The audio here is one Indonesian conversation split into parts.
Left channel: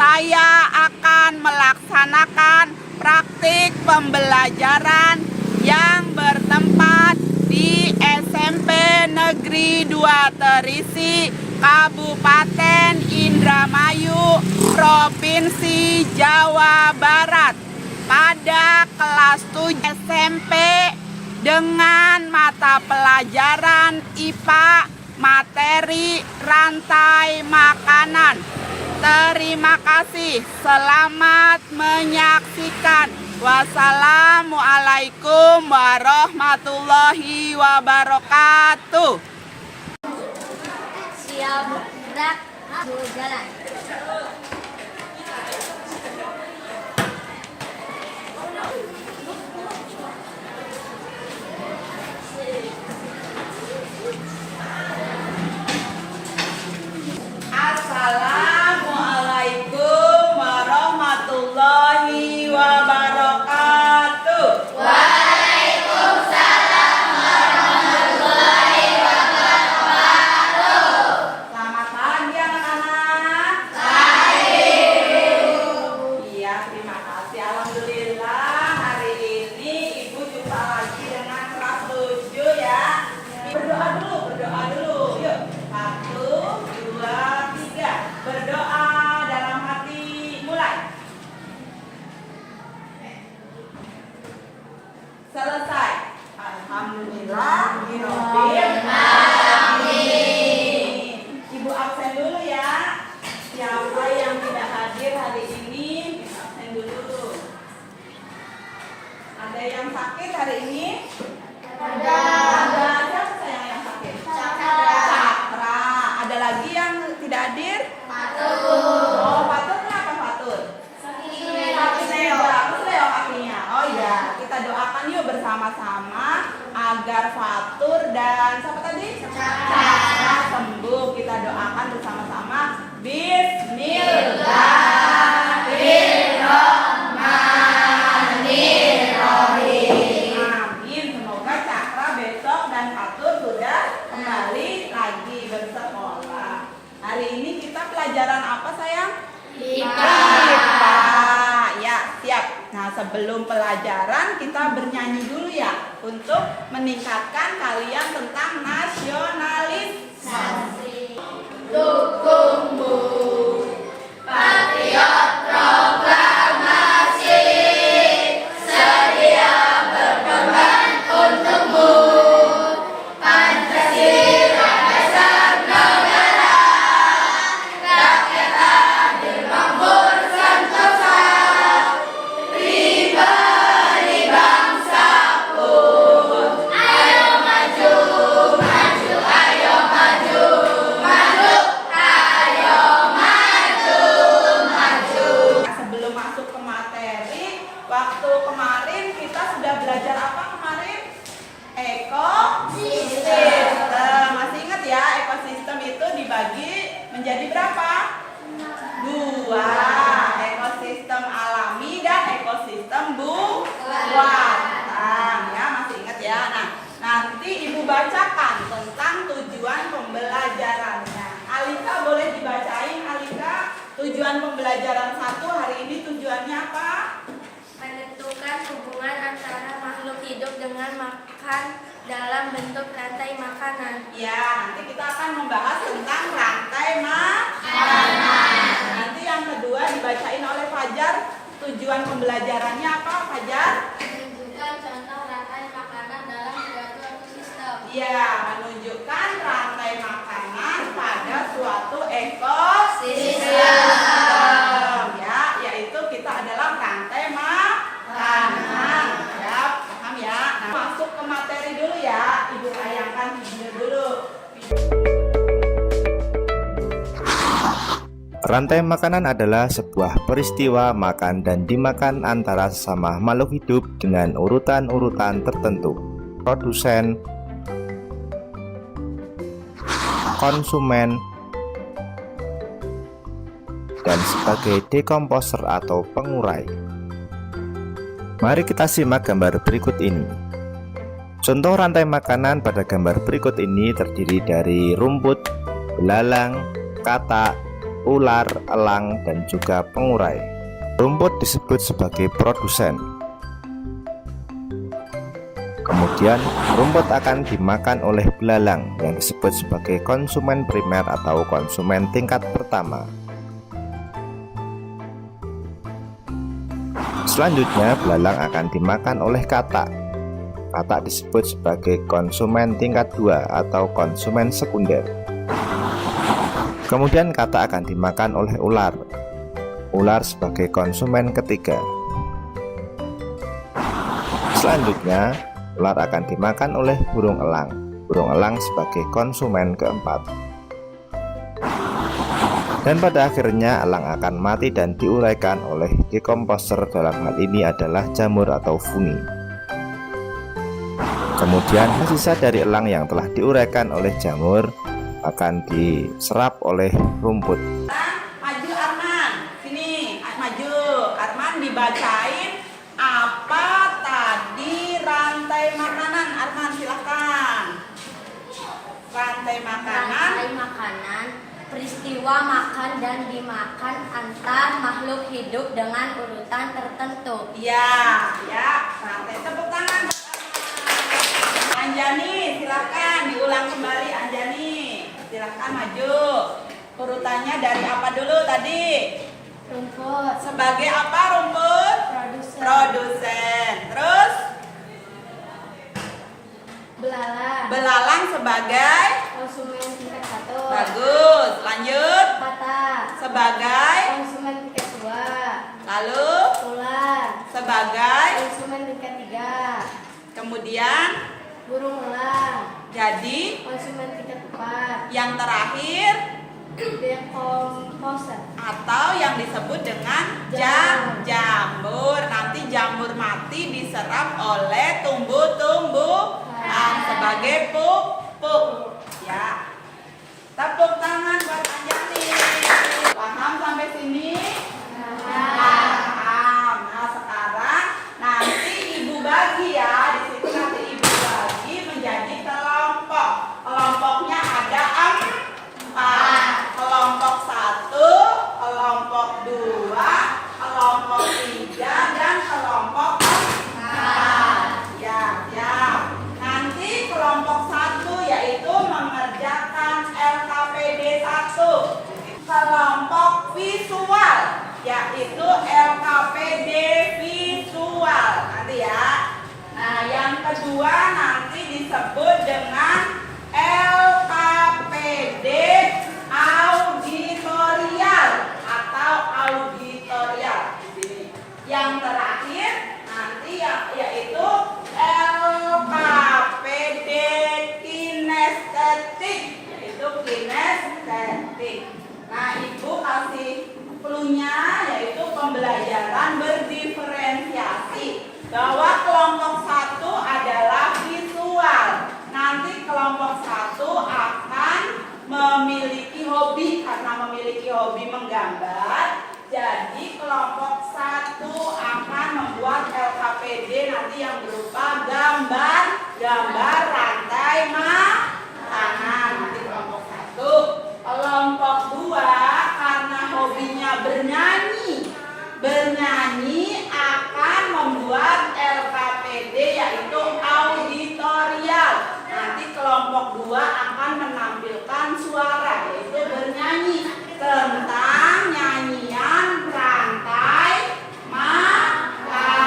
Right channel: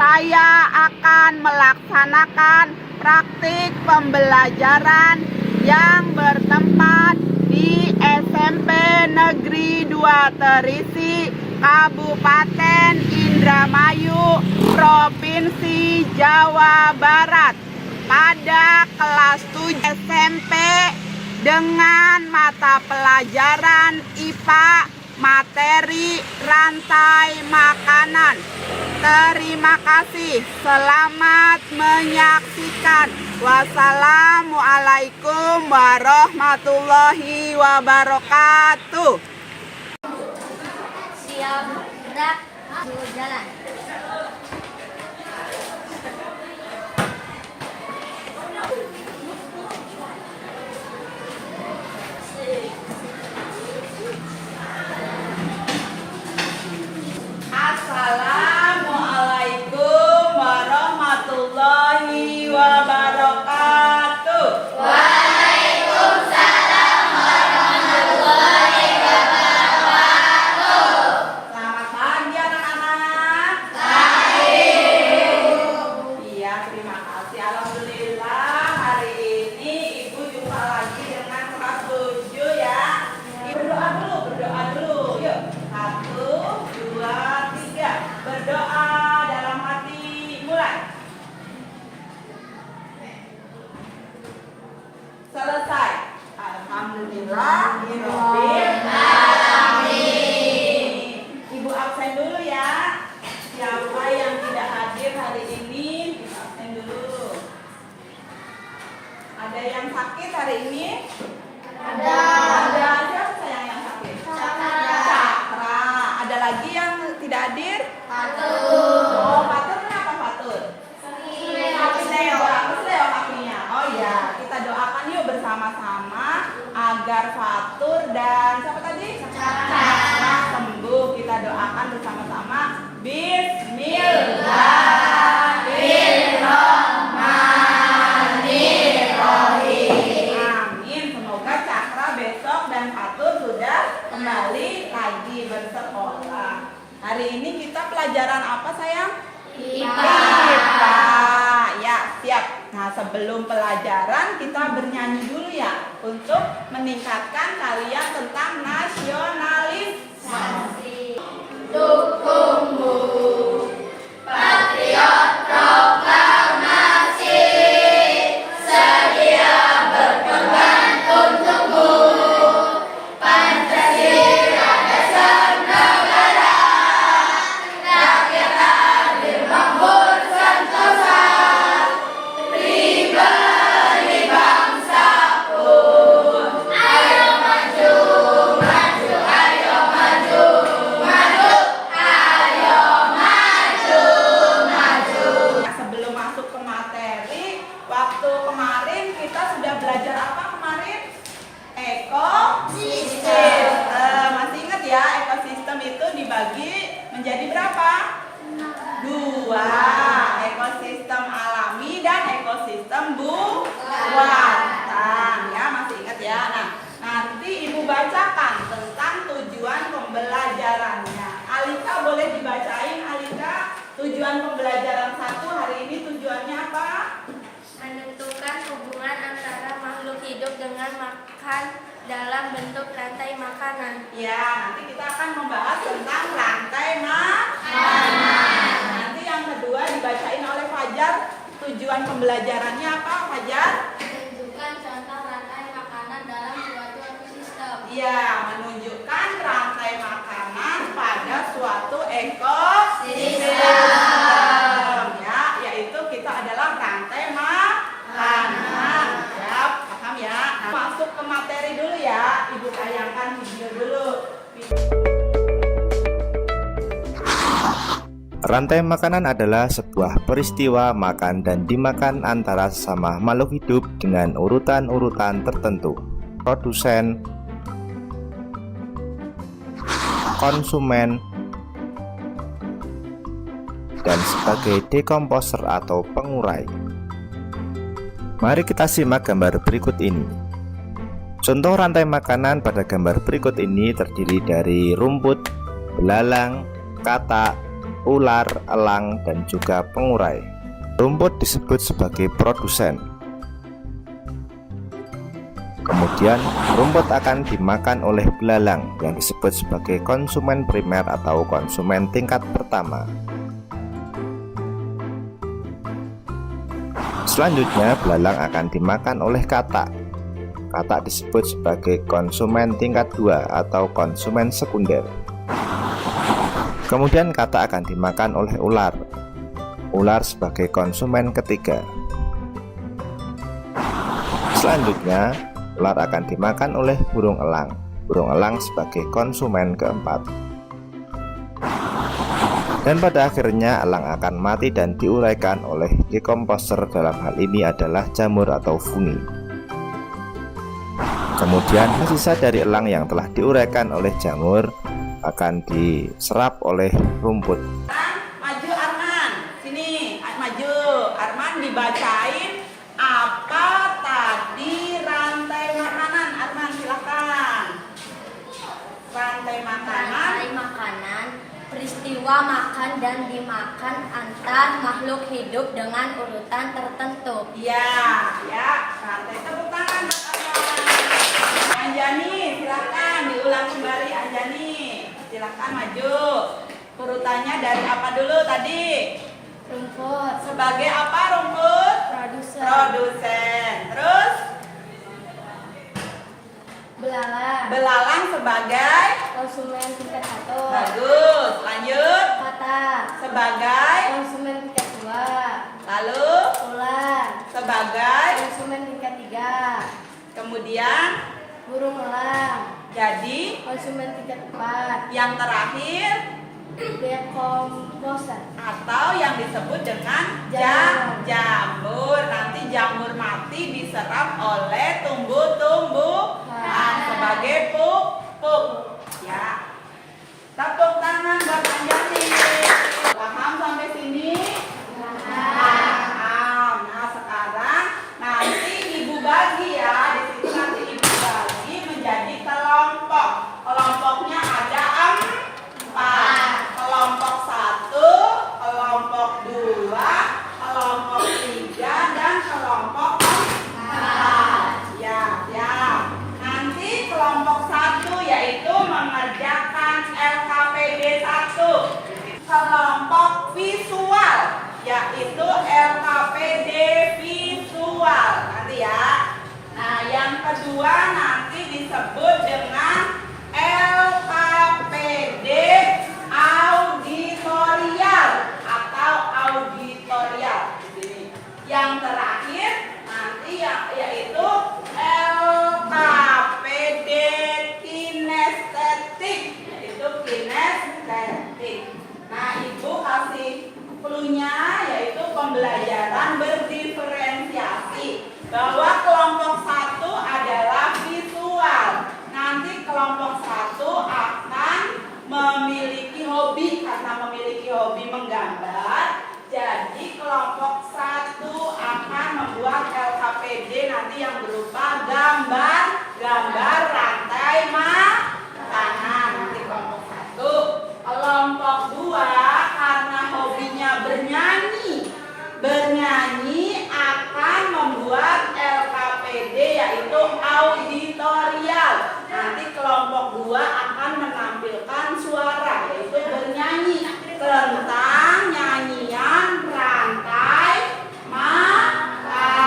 saya akan melaksanakan praktik pembelajaran yang bertempat di SMP Negeri 2 Terisi, Kabupaten Indramayu, Provinsi Jawa Barat, pada kelas 7 SMP dengan mata pelajaran IPA materi rantai makanan. Terima kasih, selamat menyaksikan. Wassalamualaikum warahmatullahi wabarakatuh. Siap, gerak, jalan. Assalamualaikum warahmatullahi wabarakatuh. Waalaikumsalam warahmatullahi wabarakatuh. Selamat pagi anak-anak. Pagi. Iya, terima kasih. Alhamdulillah hari ini Ibu jumpa lagi dengan kelas 7 ya. Berdoa dulu, Yuk. 1, 2, 3. Berdoa dalam hati, mulai. Selesai. Alhamdulillah. Ibu absen dulu ya. Siapa yang tidak hadir hari ini, absen dulu. Ada yang sakit hari ini? Ada siapa sayang yang sakit? Cakra. Ada lagi yang tidak hadir? Patur. Oh, Patur kenapa Patur? Kesleo kakinya. Oh iya, kita doakan yuk bersama-sama agar Fatur dan siapa tadi? Cakra sembuh. Kita doakan bersama-sama. Bismillahirrahmanirrahim. Amin. Semoga Cakra besok dan Fatur sudah kembali lagi bersekolah. Hari ini kita pelajaran apa sayang? IPA. Ya, siap. Nah, sebelum pelajaran kita bernyanyi dulu ya untuk meningkatkan kalian tentang nasionalisme. Dukungmu, patriot proklamasi, sedia berkorban untukmu. Pancasila dasar negara, rakyat adil makmur sentosa, pribadi bangsa pun. Ayo maju, maju, ayo maju, maju, ayo maju, maju. Sebelum masuk ke materi, waktu kemarin kita sudah belajar apa kemarin? Ekosistem. Masih ingat ya, ekosistem itu dibagi menjadi berapa? 2. Ekosistem alami dan ekosistem buatan. Ya, masih ingat ya. Nah, nanti Ibu bacakan tentang tujuan pembelajarannya. Alika boleh dibacain, Alika. Tujuan pembelajaran 1 hari ini tujuannya apa? Menentukan hubungan antara makhluk hidup dengan makan dalam bentuk rantai makanan. Ya, nanti kita akan membahas tentang rantai makanan. Nanti yang kedua dibacain oleh Fajar. Tujuan pembelajarannya apa, Fajar? Menunjukkan contoh rantai makanan dalam suatu ekosistem. Ya, menunjukkan rantai makanan pada suatu ekosistem. Ya, yaitu kita adalah rantai makanan. Ya, paham ya? Nah, masuk ke materi dulu ya. Ibu tayangkan video dulu. Rantai makanan adalah sebuah peristiwa makan dan dimakan antara sesama makhluk hidup dengan urutan-urutan tertentu. Produsen, konsumen, dan sebagai dekomposer atau pengurai. Mari kita simak gambar berikut ini. Contoh rantai makanan pada gambar berikut ini terdiri dari rumput, belalang, katak, ular, elang, dan juga pengurai. Rumput disebut sebagai produsen. Kemudian rumput akan dimakan oleh belalang yang disebut sebagai konsumen primer atau konsumen tingkat pertama. Selanjutnya belalang akan dimakan oleh katak. Katak disebut sebagai konsumen tingkat 2 atau konsumen sekunder. Kemudian katak akan dimakan oleh ular. Ular sebagai konsumen ketiga. Selanjutnya ular akan dimakan oleh burung elang. Burung elang sebagai konsumen keempat. Dan pada akhirnya elang akan mati dan diuraikan oleh dekomposer, dalam hal ini adalah jamur atau fungi. Kemudian sisa dari elang yang telah diuraikan oleh jamur akan diserap oleh rumput. Maju Arman, sini maju. Arman dibacain apa tadi rantai makanan. Arman silakan. Rantai makanan. Rantai makanan, peristiwa makan dan dimakan antar makhluk hidup dengan urutan tertentu. Iya, ya. Rantai tepuk tangan. Anjani, silakan diulang kembali Anjani. Silakan maju. Urutannya dari apa dulu tadi? Rumput, Sebagai apa rumput? produsen, Produsen. Terus belalang, belalang sebagai konsumen tingkat 1, bagus. Lanjut kata, sebagai konsumen tingkat 2, lalu ular, sebagai konsumen tingkat 3, kemudian burung elang, jadi konsumen tingkat 4, yang terakhir dekomposer, atau yang disebut dengan Jamur. jamur. Nanti jamur mati diserap oleh tumbuh-tumbuhan sebagai pupuk. Ya. Tepuk tangan buat Anjani. Paham sampai sini? Paham. Nah, sekarang nanti ibu bagi ya. Di situ nanti ibu bagi menjadi kelompok. Kelompoknya ada 4. Kelompok 1, kelompok 2, kelompok 3, dan kelompok 4. Ya, ya. Nanti kelompok 1 yaitu mengerjakan LKPD 1. Kelompok visual yaitu LKPD visual. Nanti ya. Nah, yang kedua nanti disebut dengan LKPD auditorial atau auditorial di sini. Yang terakhir nanti yaitu LKPD kinestetik, yaitu kinestetik. Nah, ibu kasih clue-nya yaitu pembelajaran berdiferensiasi, bahwa kelompok 1 adalah visual. Nanti kelompok 1 akan memiliki hobi, karena memiliki hobi menggambar. Jadi kelompok 1 akan membuat LKPD nanti yang berupa gambar rantai makanan. Nanti kelompok 1. Kelompok 2 karena hobinya bernyanyi akan membuat LKPD yaitu auditorial. Nanti kelompok 2 akan menampilkan suara yaitu bernyanyi tentang nyanyian rantai makanan.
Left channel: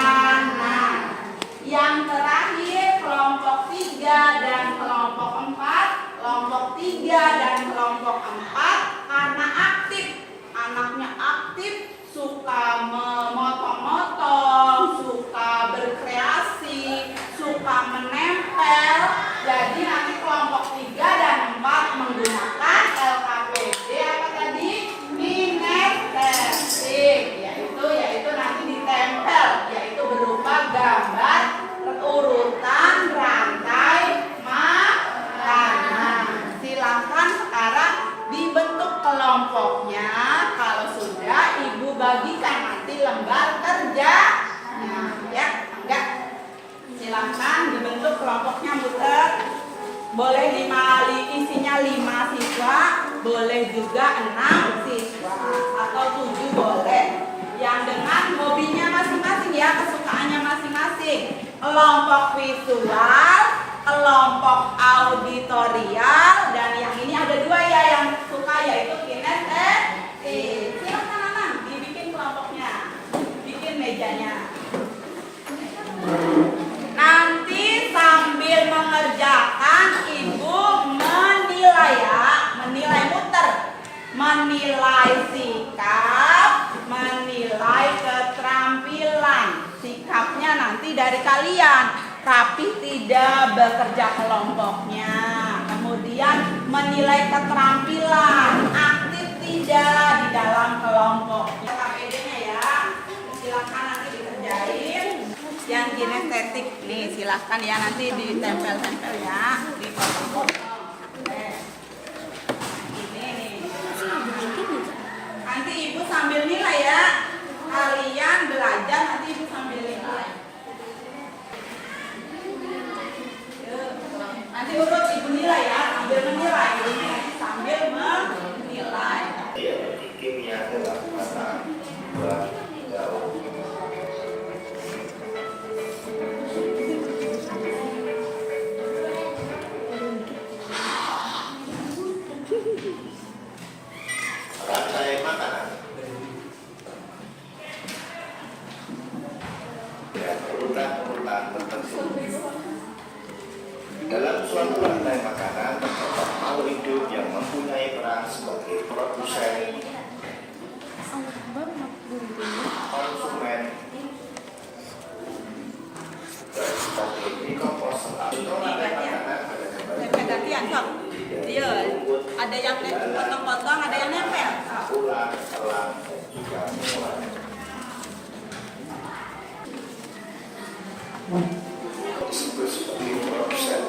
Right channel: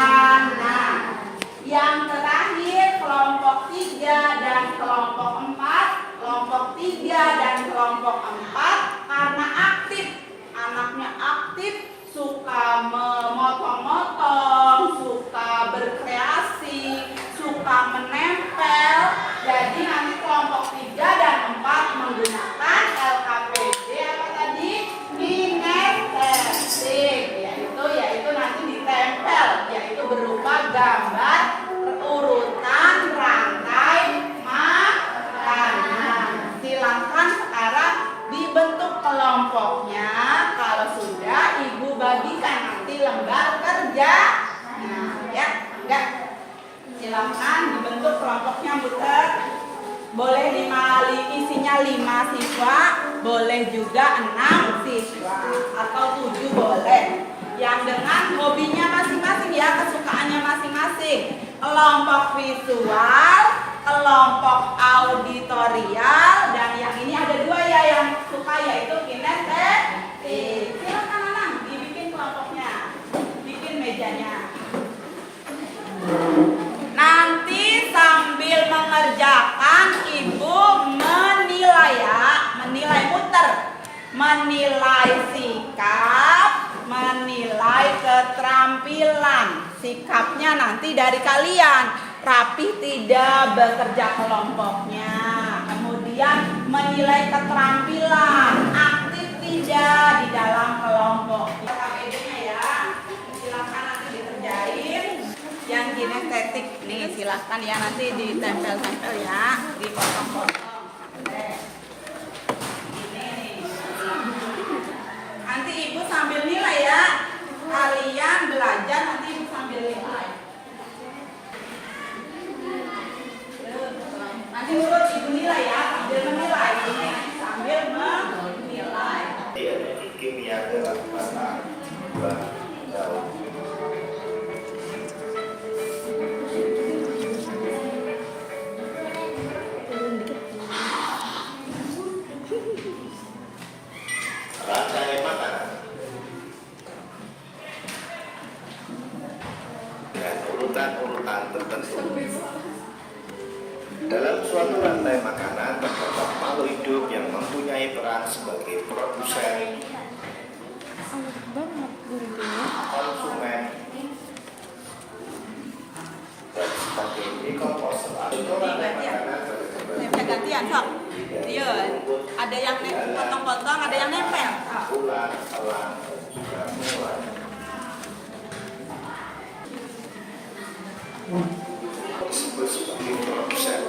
Yang terakhir kelompok 3 dan kelompok 4. Kelompok 3 dan kelompok 4 karena aktif, anaknya aktif, suka memotong-motong, suka berkreasi, suka menempel. Jadi nanti kelompok 3 dan 4 menggunakan LKPD apa tadi? Kinestetik, yaitu nanti ditempel, yaitu berupa gambar urutan rantai makanan. Silahkan sekarang dibentuk kelompoknya. Kalau sudah, ibu bagikan nanti lembar kerja. Nah, ya, enggak. Silahkan dibentuk kelompoknya, muter. Boleh isinya 5 siswa. boleh juga 6 siswa atau 7 boleh. Yang dengan hobinya masing-masing ya, kesukaannya masing-masing. Kelompok visual, kelompok auditorial, dan yang ini ada 2 ya yang suka, yaitu kinestetik. Silakan anak dibikin kelompoknya, bikin mejanya. Nanti sambil mengerjakan ibu menilai ya, menilai muter, menilai sikap, menilai keterampilan. Sikapnya nanti dari kalian, rapih tidak bekerja kelompoknya. Kemudian menilai keterampilan, aktif tidak di dalam kelompok. KPD-nya ya, silakan nanti dikerjain. Yang kinestetik nih silahkan ya, nanti ditempel-tempel ya di kelompok. Ini nih. Nanti ibu sambil nilai ya. Kalian belajar, nanti ibu sambil nilai. Nanti urut ibu nilai ya, sambil menilai ini, sambil menilai. Kimia dalam mata jauh. Rantai makanan dengan urutan-urutan tertentu. Dalam suatu rantai makanan terdapat makhluk hidup yang mempunyai peran sebagai produsen, konsumen, dan sebagai dekomposer. Rantai makanan pada gambar Gantian sok. Iya, ada yang potong-potong, ada yang nempel. ulang, pelan, dan juga mengulang. Disebut sebagai produsen.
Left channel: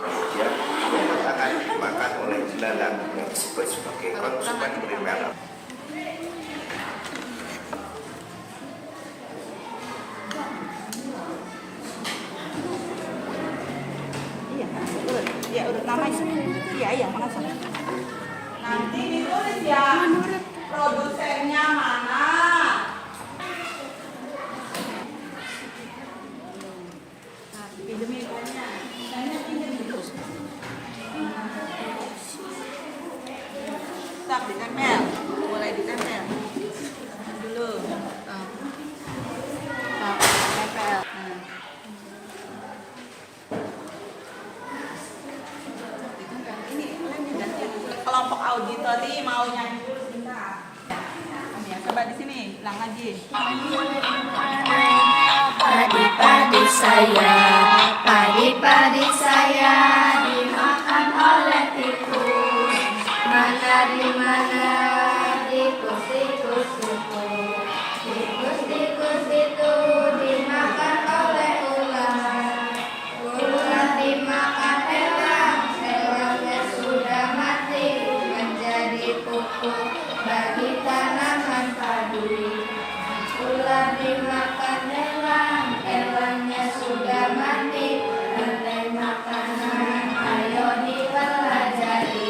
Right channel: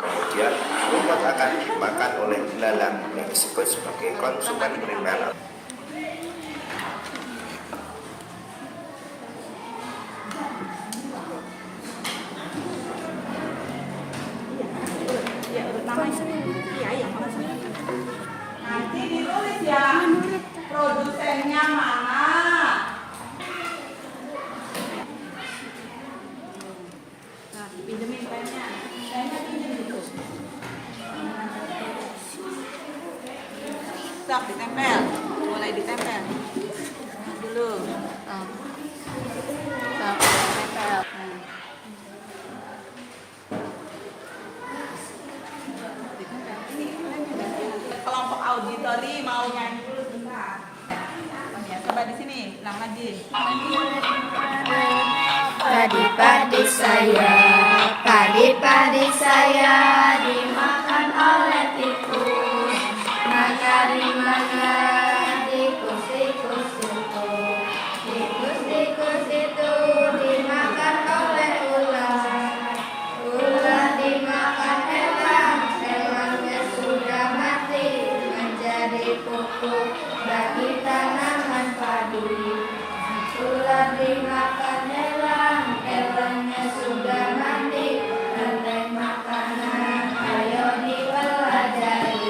Kemudian bobot akan dimakan oleh belalang yang disebut sebagai konsumen primer. Ya, urut namanya. Iya. Nanti ditulis ya, produsennya mana. Pinjemin pennya. Pennya pinjem dulu. Stop, ditempel. Mulai ditempel. Dulu. Tempel. Ini lemnya gantian. Kelompok auditori mau nyanyi dulu sebentar. Ya, coba di sini, ulang lagi. Padi-padi saya dimakan oleh tikus. Mana tikus itu dimakan oleh ular. Ular dimakan elangnya sudah mati, menjadi pupuk bagi tanaman padi. Ular dimakan elangnya sudah mati, rantai makanan ayo dipelajari.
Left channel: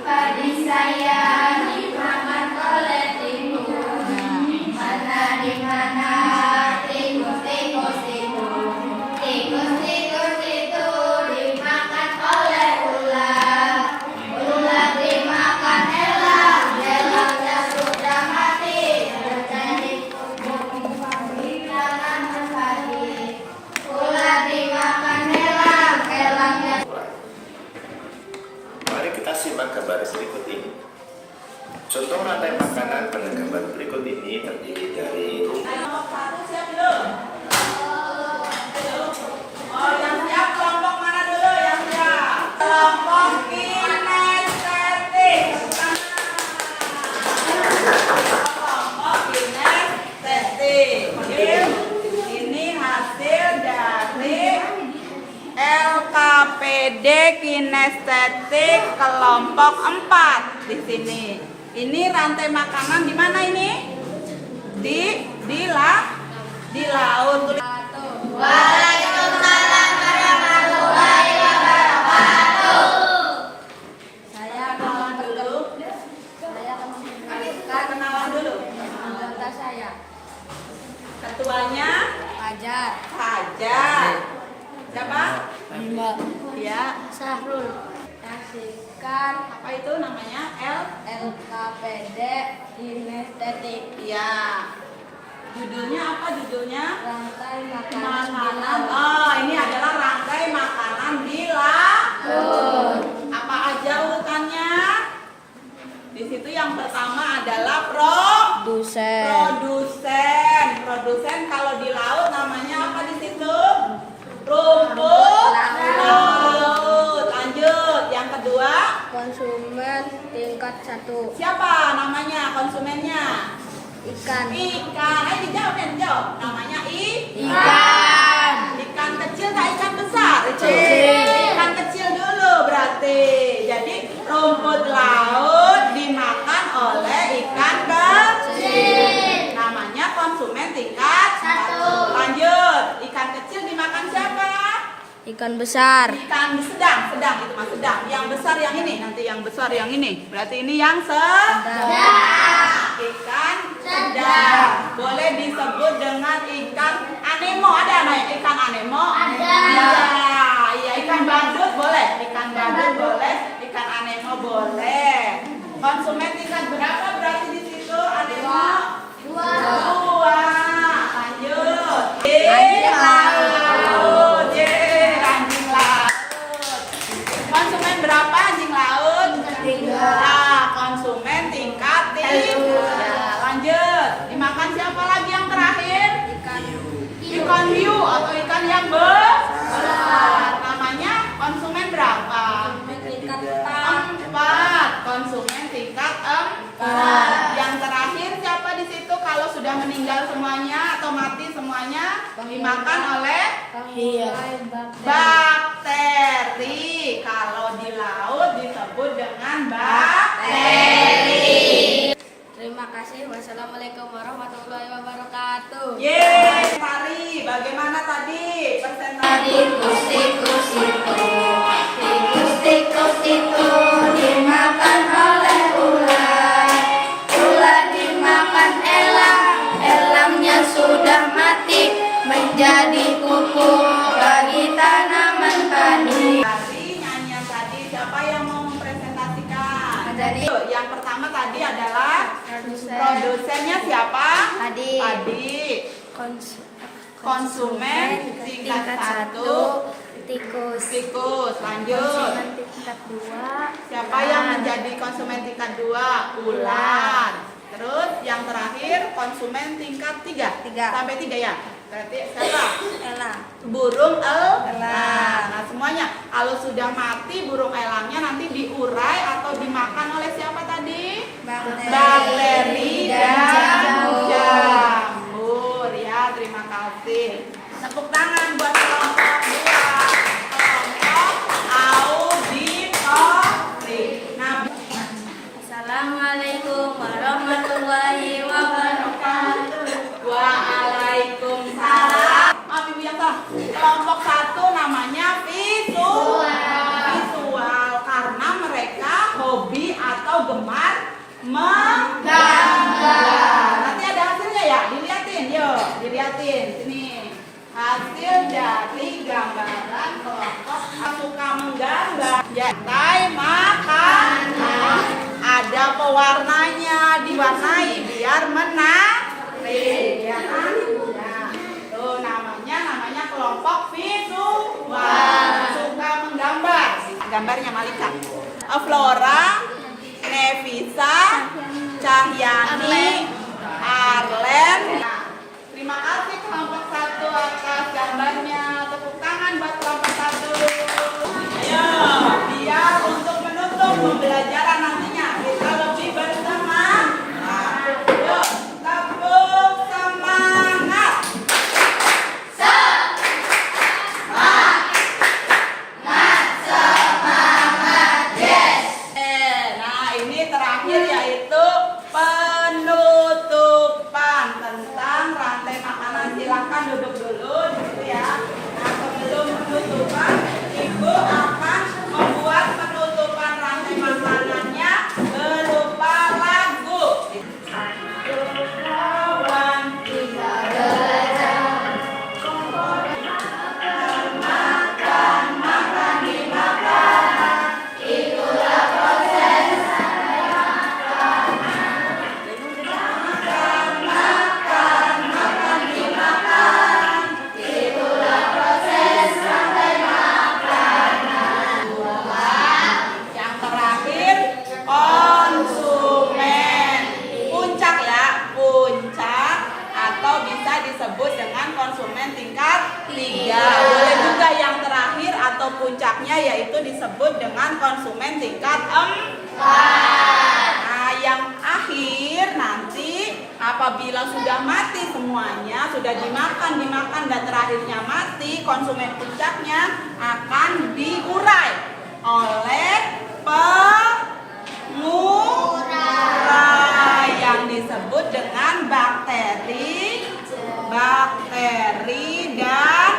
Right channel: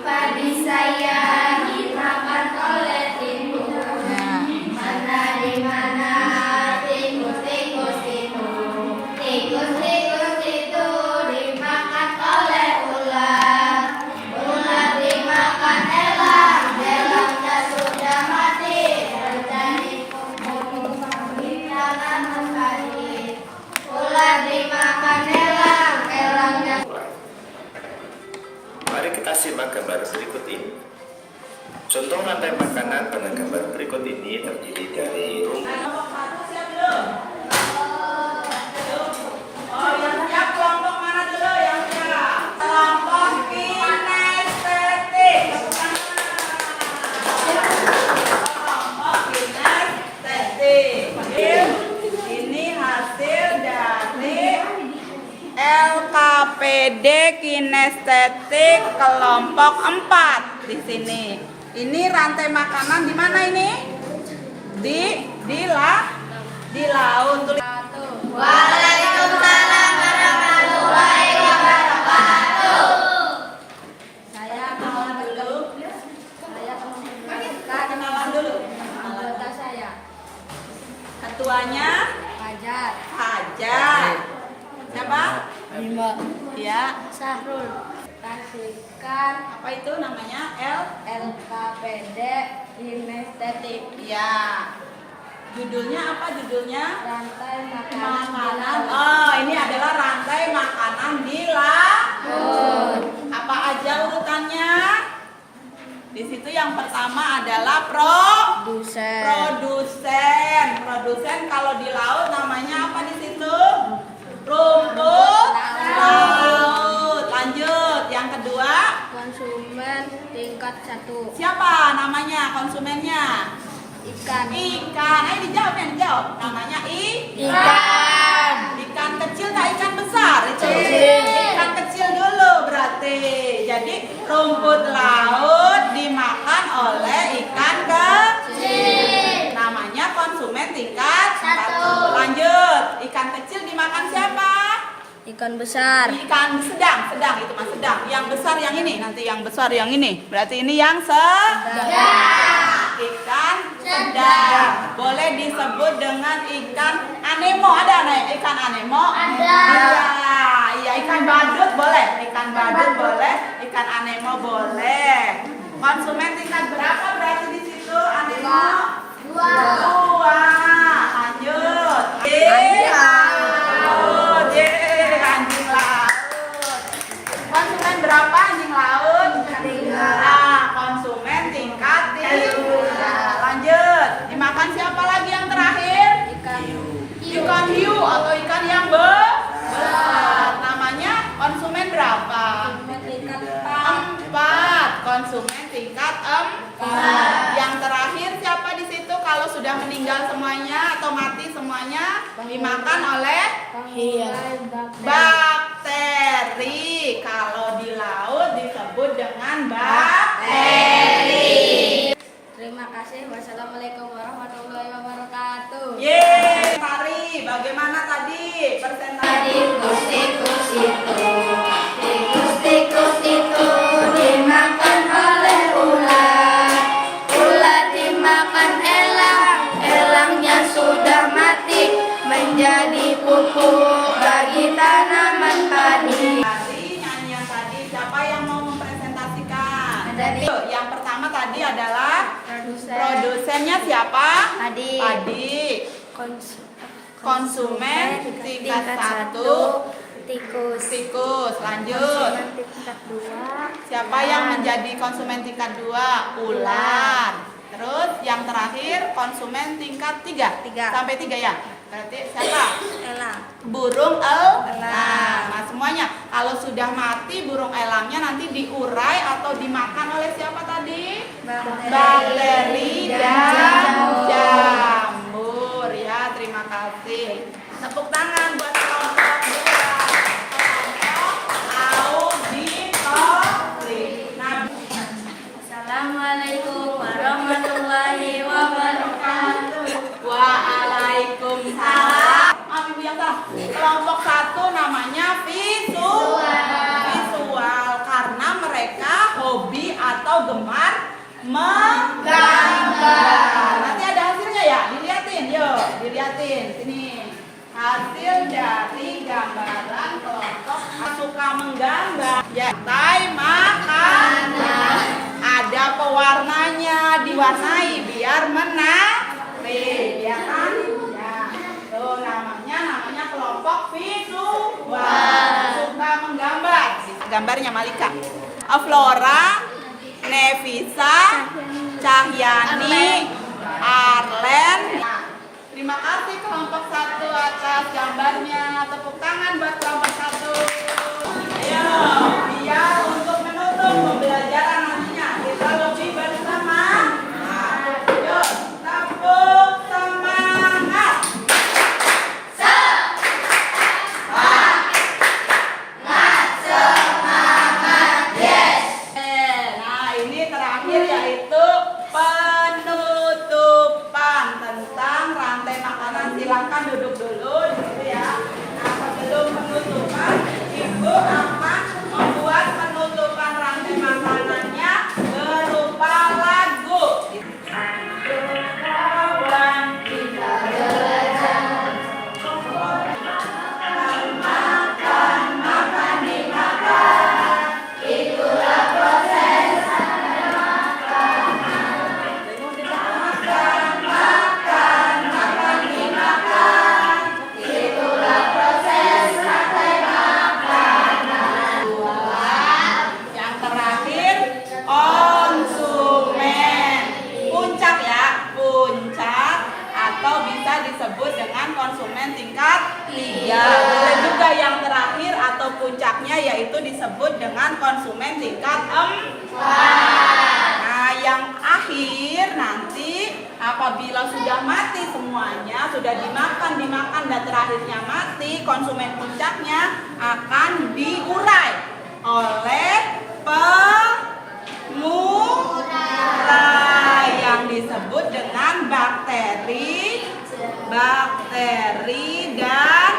Padi saya dimakan oleh tikus. Mana tikus itu dimakan oleh ular. Ular dimakan elangnya sudah mati, menjadi pupuk bagi tanaman padi. Ular dimakan elangnya. Mari kita simak gambar berikut ini. Contoh rantai makanan pada gambar berikut ini terdiri dari Kelompok 1 siap belum? Oh, yang siap kelompok mana dulu yang siap? Kelompok kinestetik. Kelompok kinestetik. Ini hasil dari LKPD kinestetik kelompok 4 di sini. Ini rantai makanan di mana ini? Di di laut. Waalaikumsalam warahmatullahi wabarakatuh. Saya akan memperkenalkan Kenalan dulu. anggota saya. Ketuanya Fajar, Fajar. Siapa? Mbak Ya. Sahrul, kasihkan Apa itu namanya? LKPD Kinestetik, Ya. Judulnya apa judulnya? rantai makanan di Makanan. laut. Oh, ini adalah rantai makanan di laut. Apa aja urutannya? Di situ yang pertama adalah Dusen, produsen. Produsen kalau di laut namanya apa di situ? Rumput laut. Lanjut. Yang kedua, konsumen tingkat 1, siapa namanya konsumennya? ikan, Ikan. Ayo dijawab ya, dijawab. Namanya ikan, ikan kecil tak ikan besar? Kecil. Ikan kecil dulu berarti. Jadi rumput laut dimakan oleh ikan kecil. Namanya konsumen tingkat 1. Lanjut. Ikan kecil dimakan siapa? ikan besar, Ikan sedang itu mas sedang. Yang besar yang ini, nanti yang besar yang ini. Berarti ini yang sedang. Ikan sedang. Boleh disebut dengan ikan anemo. Ada ikan anemo? Ada. Iya, ikan badut boleh. Ikan badut boleh. Ikan anemo boleh. Konsumen tingkat berapa berarti di situ anemo? 2. Lanjut. Laut. Anjing laut. Konsumen berapa anjing laut? 3. Nah, konsumen tingkat 3. Lanjut. Dimakan siapa lagi yang terakhir? Ikan hiu atau ikan yang besar. Namanya konsumen berapa? tingkat 4. Konsumen tingkat 4. Yang terakhir siapa di situ kalau sudah meninggal semuanya atau mati semuanya dimakan oleh bakteri. Kalau di laut disebut dengan bakteri. Terima kasih. Wassalamualaikum warahmatullahi wabarakatuh. Yeay, Mari, bagaimana tadi presentasi? Tikus itu dimakan oleh ular. Ular dimakan elang. Elangnya sudah mati menjadi pupuk bagi tanaman padi. Tadi nyanyian tadi siapa yang mau mempresentasikan? Ada. Yuk, yang pertama tadi adalah Produsen, produsennya siapa? Adik, Adik. Konsumen tingkat 1 tikus, tikus. Lanjut. konsumen tingkat 2 Siapa yang menjadi konsumen tingkat 2? Ular. Terus yang terakhir konsumen tingkat 3. Tiga. Sampai 3 ya. Berarti siapa? elang. Burung Elang. Nah, semuanya kalau sudah mati burung elangnya nanti diurai atau dimakan oleh siapa tadi? Bakteri dan jamur ya. Terima kasih. Tepuk tangan buat kelompok 2. Kelompok auditori. Nah, Assalamualaikum warahmatullahi wabarakatuh. Waalaikumsalam. Maaf Ibu yang tahu. Kelompok 1 namanya visual karena mereka hobi atau gemar menggambar. Nanti ada hasilnya ya, dilihatin yuk, dilihatin sini. Hasil dari gambaran kelompok suka menggambar. Ya, makanan. Ada pewarnanya, diwarnai biar menarik, ya kan? Ya. Tuh namanya kelompok visual. Suka menggambar. Gambarnya Malika. Flora, Nevisa, Cahyani, Arlen. Nah, terima kasih kelompok 1 atas gambarnya. Tepuk tangan buat kelompok 1. Ayo, biar untuk menutup pembelajaran nantinya kita lebih bersemangat. Yuk, tepuk semangat. Nah, ini terakhir yaitu penutupan tentang rantai makanan. Silakan silakan duduk dulu gitu ya. Nah, sebelum penutupan, Ibu akan membuat penutupan rantai makanannya berupa lagu. Kawan kita yang terakhir konsumen. Puncak ya, puncak atau bisa disebut dengan konsumen tingkat 3. Boleh juga yang terakhir atau puncaknya yaitu disebut dengan konsumen tingkat 4. Nah, yang akhir nanti apabila sudah mati semuanya, sudah dimakan dan terakhirnya mati, konsumen puncaknya akan diurai oleh pengurai yang disebut dengan bakteri dan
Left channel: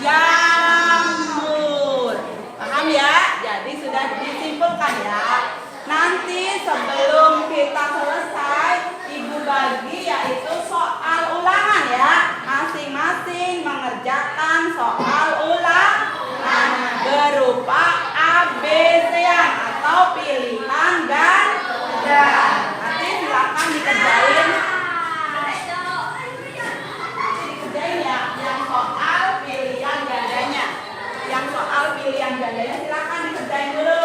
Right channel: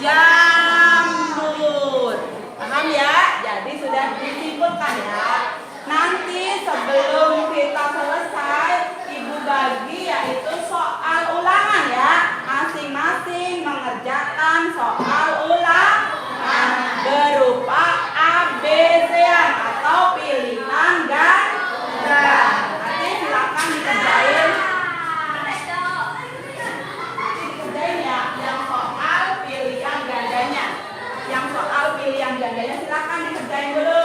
jamur. Paham ya? Jadi sudah disimpulkan ya. Nanti sebelum kita selesai, Ibu bagi yaitu soal ulangan ya. Masing-masing mengerjakan soal ulangan berupa ABC-an atau pilihan ganda. Nanti silakan dikerjain. Dikerjain ya, yang soal pilihan gandanya. Yang soal pilihan gandanya silakan dikerjain dulu.